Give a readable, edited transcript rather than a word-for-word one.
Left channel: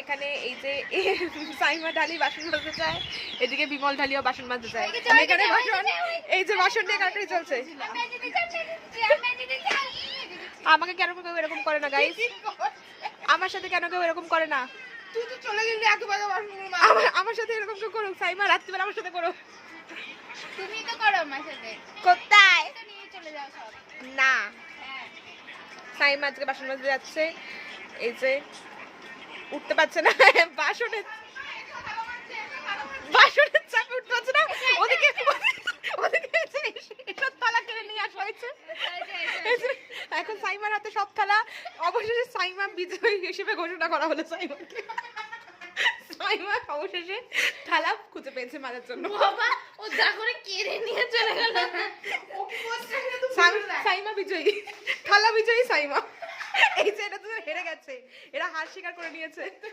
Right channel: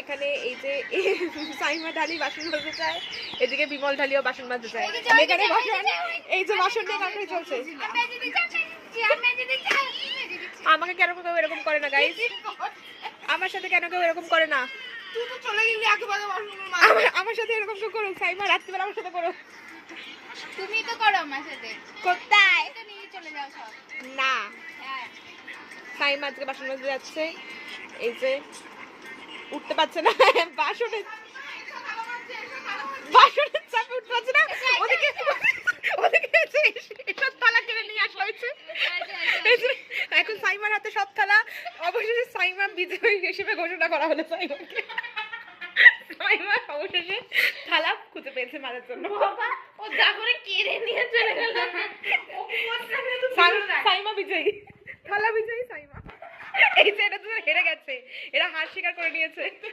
এখানে এই যে সাইমা ঢালি বাসন মাজতে চায়, এদিকে বিমল ঢালিও বাসন মাজতে চায়। এখানে বাসন, এই যে বাসন নিয়ে কাটাই চলছে। আমাকে কেন কেউ এরকম করে না গাইস? আমার সাথে কেন কেউ এরকম করে না? তুই তো চলে গেলি একেবারে বাসনগুলো মাজ। আমার সাথে এরকম কেউ করুক, সাইমা রাত্রিবেলা আমার সাথে করো। তুমি তো করো আমার সাথে। কোথায়? তো নিয়ে চলে যাও সব। না, হ্যাঁ। সাইমা আজকে বাসন মাজতে যাচ্ছে। এই যে উঠতে পারছে না, বাসনের চাপে উঠতে পারছে না। ওদিকে এসব থালা কিনে নিয়ে আসা হয়েছে। এখন সাইমার হাতে সব থালা। অবশেষে সাইমা বিজয়ী হিসেবে ঘোষণা করা হলো সাইমাকে। সাইমা অবশেষে থালা খুঁজে পেয়েছে মারার জন্য। ও যা করে কেড়ে নিয়ে চলে গেল। সাইমা বিজয়ী, থালা বিজয়ী সাইমা। এই যে এটা তো হেরে গেছে, এরা হার স্বীকার করে নিয়েছে।